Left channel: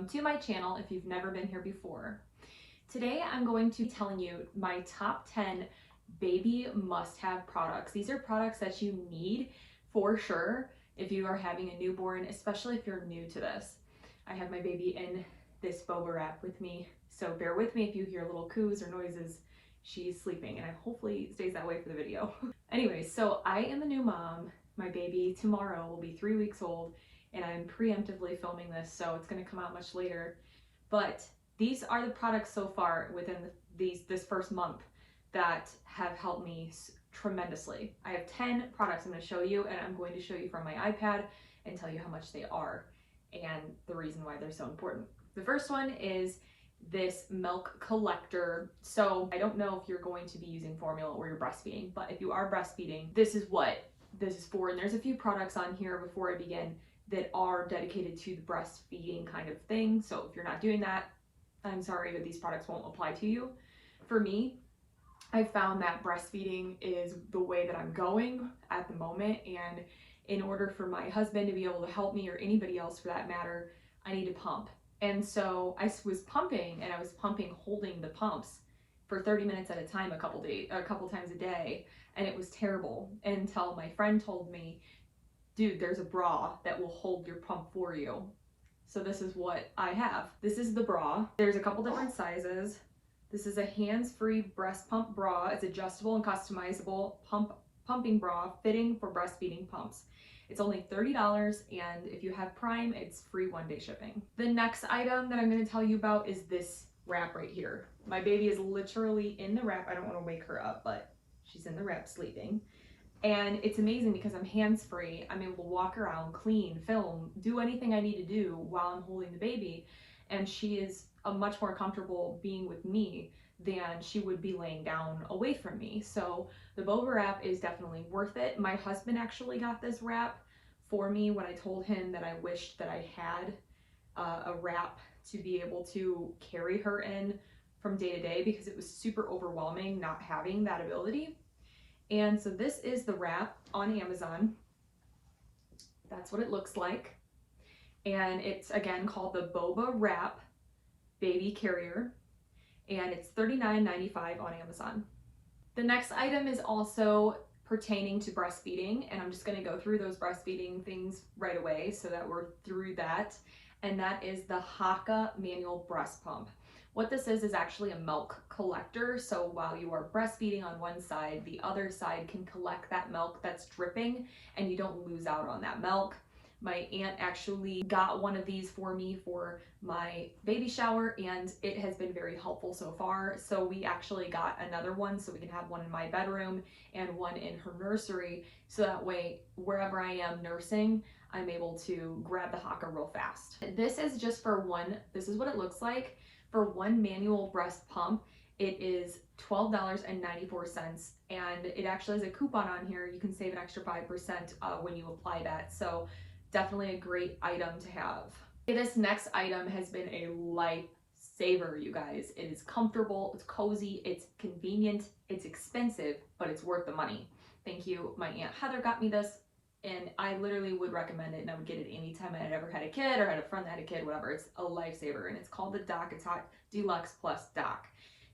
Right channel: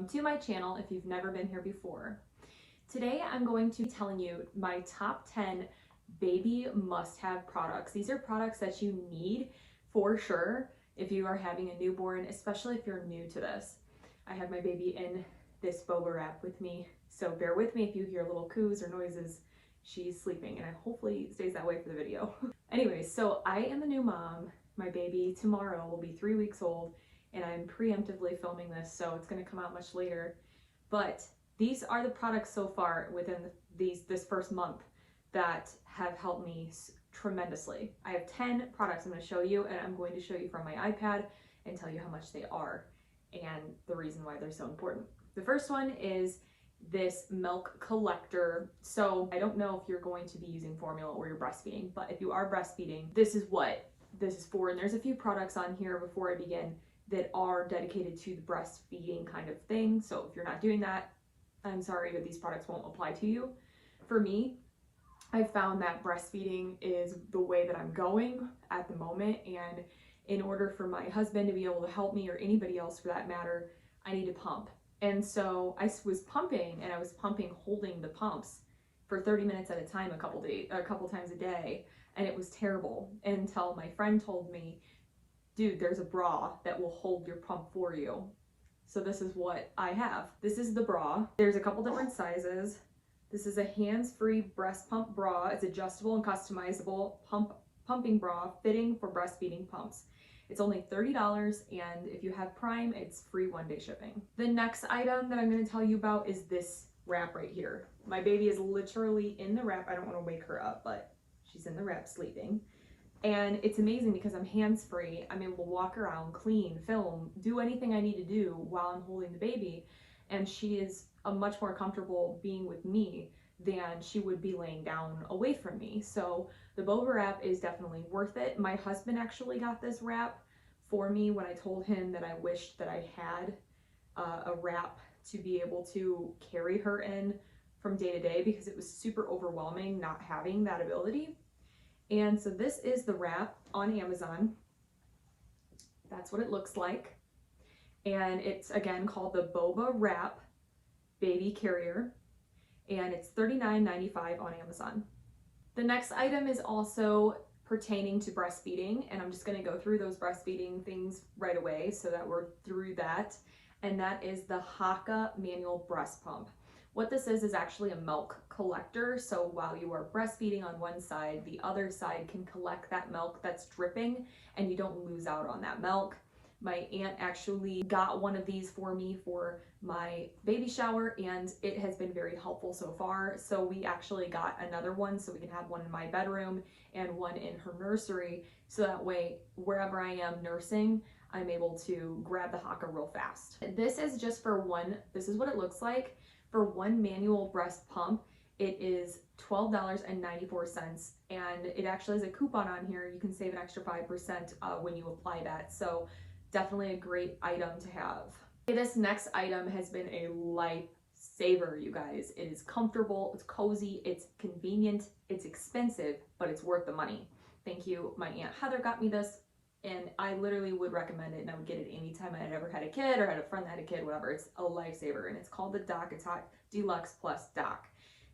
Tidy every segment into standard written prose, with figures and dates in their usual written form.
welcome to my channel if you've never been here before. Today I'm going to be telling you my top 10 baby must-have products. These are products that you need for sure if you are having a newborn, especially if you're new to this. I have my baby in this boba wrap with me, so bear with me if you hear little coos or noises. She's sleeping and I hopefully stays that way for the video. Anyways, so I am a new mom. My baby tomorrow will be 3 weeks old and I'm preemptively filming this, so it's going to come out much later. But these are the products so far within this first month that have helped me tremendously. I have 10 products I'm going to show you, and I'm going to show you from my iPad and tell you how much they are and the reason why they're so important. The first one is this milk collector. So I don't know if you're going to be using formula or you're breastfeeding, but if you are breastfeeding, this is what this is for. And there's a few products on here before I begin that are dedicated to the breastfeeding kind of thing. So if you're not doing that, I'm sorry, but these products won't apply to you. For me, I found that breastfeeding is the way that I'm going at the moment, and in order for my husband to be able to help me, or anybody else for that matter, I need to pump. And so I was pumping, and I was pumping holding the pumps for 30 minutes at a time a couple times a day, and it was terrible until my friend told me, dude, there's a bra that will hold your pump for you. So this is what I have. This is the bra. There's a couple different sizes. This is a hands-free breast pump bra. It's adjustable and customizable pumping bra fitting for breastfeeding pumps. It's only $30, and if you have Prime, it's free one-day shipping. The next item that I'm going to tell you about is this wrap right here. My baby is literally in the wrap. I don't want to wake her up, but she's in the wrap sleeping. And it's amazing because I'm hands-free. I'm able to walk around, clean, film, do anything I need to do while I'm holding the baby. And she is much more comfortable being with me than she would be laying down away from me. So the boba wrap is definitely worth it. My husband actually got this wrap for me when I told him that I wished that I had a wrap to be able to carry her in from day to day, because it was super overwhelming not having that ability. And so this is the wrap on Amazon. That's what it looks like. And it's again called the Boba Wrap Baby Carrier. And it's $39.95 on Amazon. The next item is also pertaining to breastfeeding. And I'm just going to go through those breastfeeding things right away so that we're through that. And that is the HAVES manual breast pump. What this is actually a milk collector. So while you are breastfeeding on one side, the other side can collect that milk that's dripping and you don't lose out on that milk. My aunt actually got one of these for me for my baby shower, and it has been very helpful so far. So we actually got another one so we can have one in my bedroom and one in her nursery. So that way, wherever I am nursing, I'm able to grab the HAVES real fast. This is just for one, this is what it looks like. For one manual breast pump, it is $12.94, and it actually has a coupon on here. You can save an extra 5% when you apply that. So definitely a great item to have. This next item has been a lifesaver, you guys. It is comfortable, it's cozy, it's convenient, it's expensive, but it's worth the money. Thank you. My Aunt Heather got me this, and I literally would recommend it, and I would get it anytime I had ever had a kid or had a friend that had a kid, whatever. It's a lifesaver, and it's called the Dock. It's Hot Deluxe Plus Dock.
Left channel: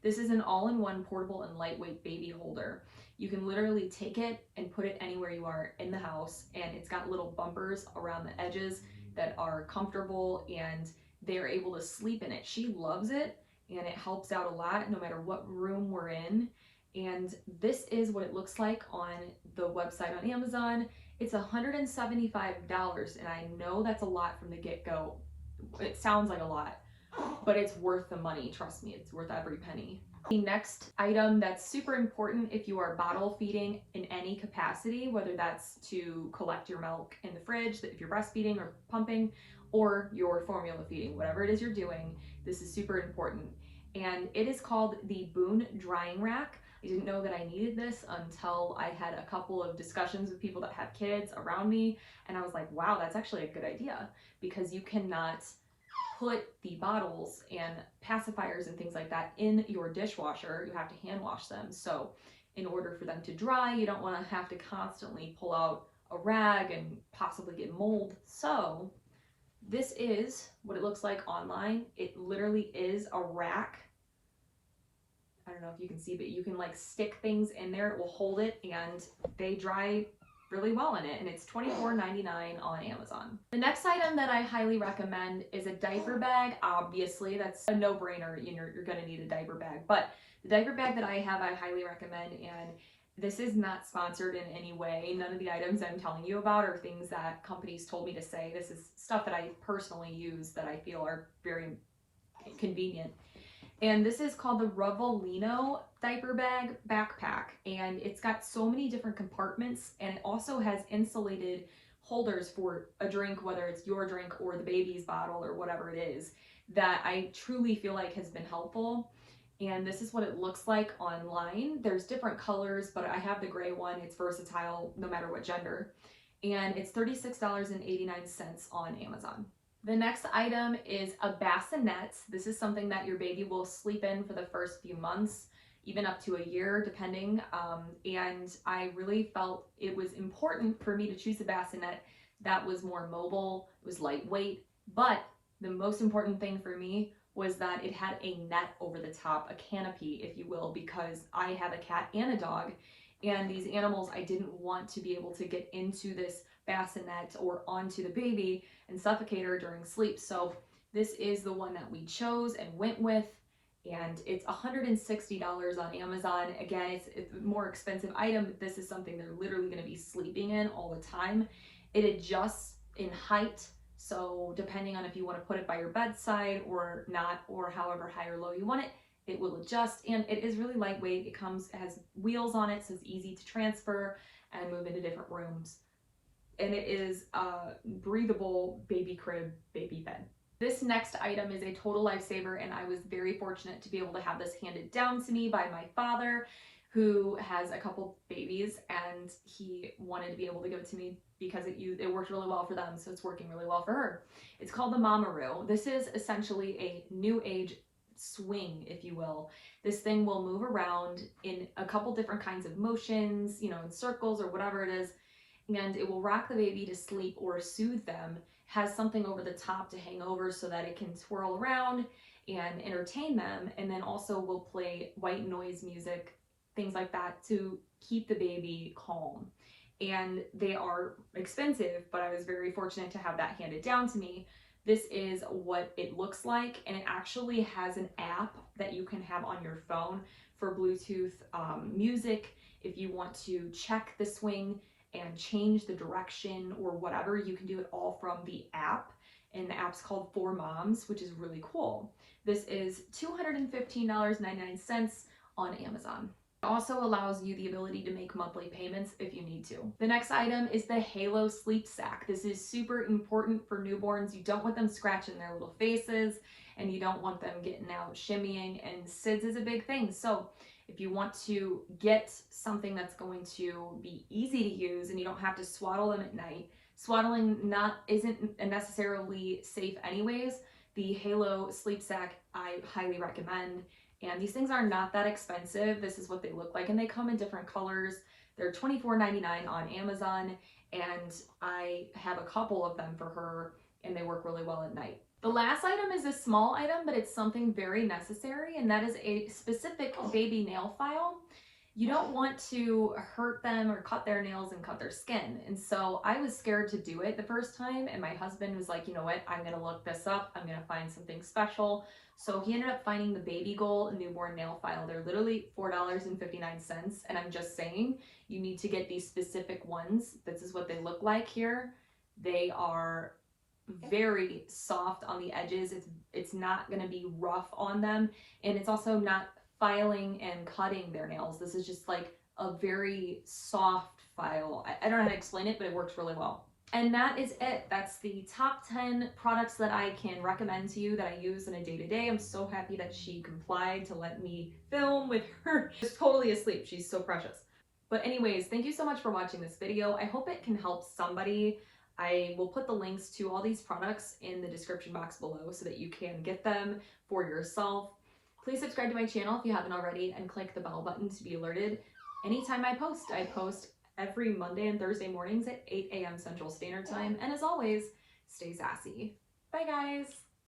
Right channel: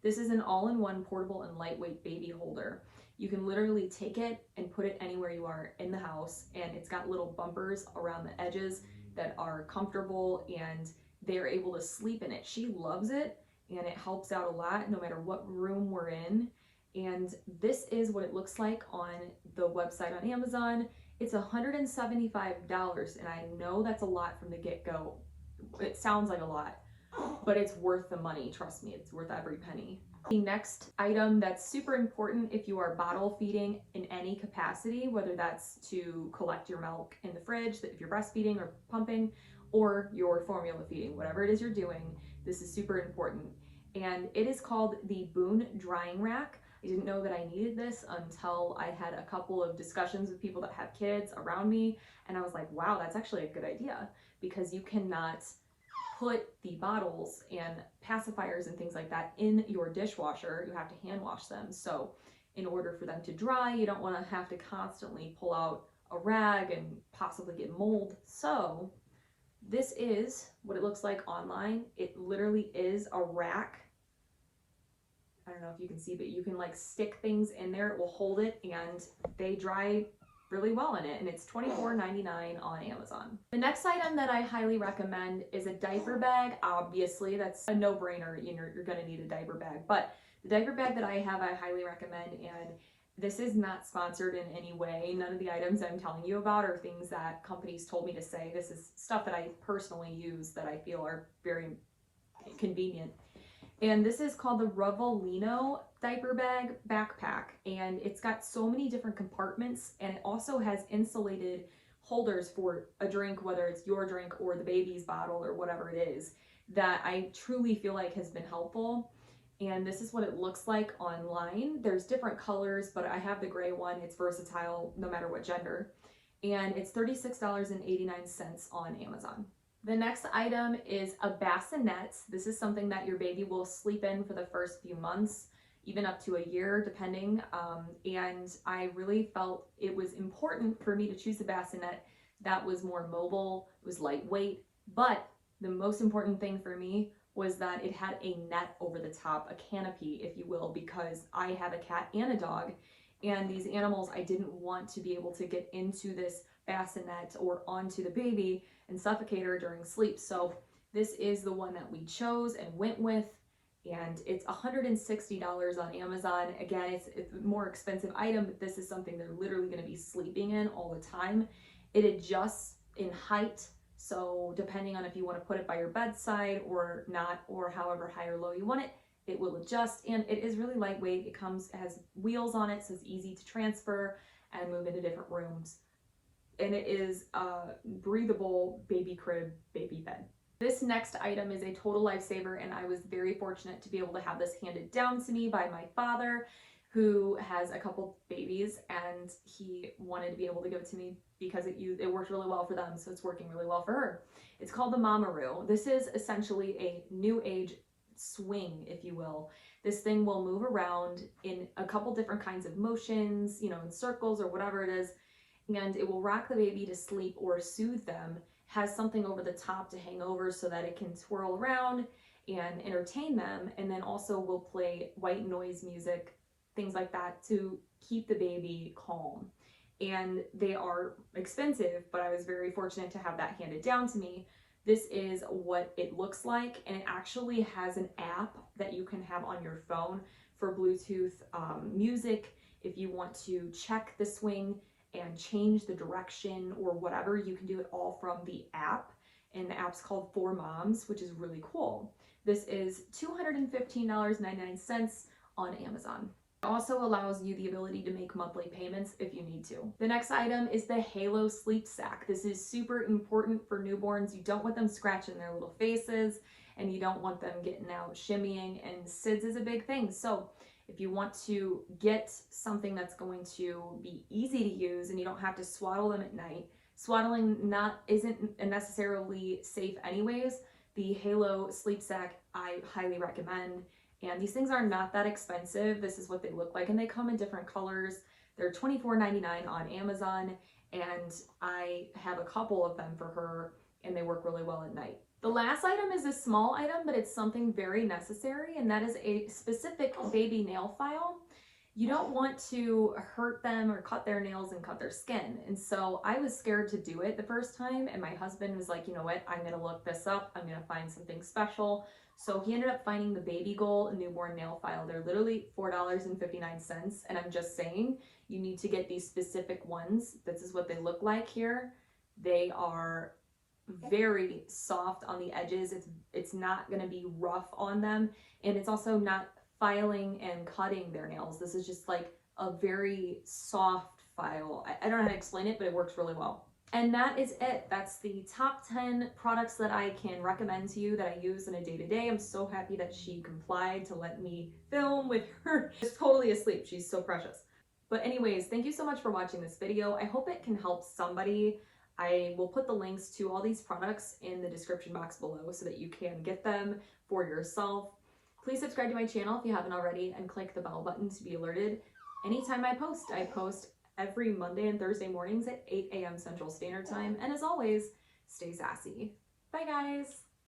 This is an all-in-one portable and lightweight baby holder. You can literally take it and put it anywhere you are in the house, and it's got little bumpers around the edges that are comfortable, and they're able to sleep in it. She loves it, and it helps out a lot no matter what room we're in. And this is what it looks like on the website on Amazon. It's $175, and I know that's a lot from the get-go. It sounds like a lot, but it's worth the money. Trust me, it's worth every penny. The next item that's super important if you are bottle feeding in any capacity, whether that's to collect your milk in the fridge, if you're breastfeeding or pumping, or you're formula feeding, whatever it is you're doing, this is super important. And it is called the Boone Drying Rack. I didn't know that I needed this until I had a couple of discussions with people that have kids around me, and I was like, wow, that's actually a good idea, because you cannot put the bottles and pacifiers and things like that in your dishwasher. You have to hand wash them. So in order for them to dry, you don't want to have to constantly pull out a rag and possibly get mold. So This is what it looks like online. It literally is a rack. I don't know if you can see, but you can like stick things in there. It will hold it, and they dry really well in it, and it's $24.99 on Amazon. The next item that I highly recommend is a diaper bag. Obviously, that's a no-brainer. You're gonna need a diaper bag, but the diaper bag that I have, I highly recommend, and this is not sponsored in any way. None of the items I'm telling you about are things that companies told me to say. This is stuff that I personally use that I feel are very convenient. And this is called the Revolino diaper bag backpack, and it's got so many different compartments, and it also has insulated holders for a drink, whether it's your drink or the baby's bottle or whatever it is, that I truly feel like has been helpful. And this is what it looks like online. There's different colors, but I have the gray one. It's versatile no matter what gender, and it's $36.89 on Amazon. The next item is a bassinet. This is something that your baby will sleep in for the first few months, even up to a year, depending. And I really felt it was important for me to choose a bassinet that was more mobile, it was lightweight, but the most important thing for me was that it had a net over the top, a canopy, if you will, because I have a cat and a dog, and these animals, I didn't want to be able to get into this bassinet or onto the baby and suffocate her during sleep. So this is the one that we chose and went with, and it's $160 on Amazon. Again, it's a more expensive item, but this is something they're literally going to be sleeping in all the time. It adjusts in height, so depending on if you want to put it by your bedside or not, or however high or low you want it, it will adjust, and it is really lightweight. It has wheels on it, so it's easy to transfer and move into different rooms. And it is a breathable baby crib, baby bed. This next item is a total lifesaver, and I was very fortunate to be able to have this handed down to me by my father, who has a couple babies, and he wanted to be able to give it to me because it worked really well for them, so it's working really well for her. It's called the Mamaroo. This is essentially a new age swing, if you will. This thing will move around in a couple different kinds of motions, in circles or whatever it is, and it will rock the baby to sleep or soothe them. Has something over the top to hang over so that it can swirl around and entertain them, and then also will play white noise music, things like that, to keep the baby calm. And they are expensive, but I was very fortunate to have that handed down to me. This is what it looks like, and it actually has an app that you can have on your phone for Bluetooth music. If you want to check the swing and change the direction or whatever, you can do it all from the app, and the app's called For Moms, which is really cool. This is $215.99 on Amazon. It also allows you the ability to make monthly payments if you need to. The next item is the Halo Sleep Sack. This is super important for newborns. You don't want them scratching their little faces, and you don't want them getting out shimmying, and SIDS is a big thing. So if you want to get something that's going to be easy to use and you don't have to swaddle them at night, swaddling isn't necessarily safe anyways, the Halo Sleep Sack I highly recommend. And these things are not that expensive. This is what they look like, and they come in different colors. They're $24.99 on Amazon, and I have a couple of them for her, and they work really well at night. The last item is a small item, but it's something very necessary, and that is a specific baby nail file. You don't want to hurt them or cut their nails and cut their skin. And so I was scared to do it the first time, and my husband was like, you know what, I'm gonna look this up. I'm gonna find something special. So he ended up finding the Baby Goal newborn nail file. They're literally $4.59, and I'm just saying, you need to get these specific ones. This is what they look like here. They are very soft on the edges. It's not going to be rough on them, and it's also not filing and cutting their nails. This is just like a very soft file. I don't know how to explain it, but it works really well. And that is it. That's the top 10 products that I can recommend to you that I use in a day-to-day. I'm so happy that she complied to let me film with her. She's totally asleep. She's so precious. But anyways, thank you so much for watching this video. I hope it can help somebody. I will put the links to all these products in the description box below so that you can get them for yourself. Please subscribe to my channel if you haven't already, and click the bell button to be alerted anytime I post. I post every Monday and Thursday mornings at 8 a.m. Central Standard Time. And as always, stay sassy. Bye guys.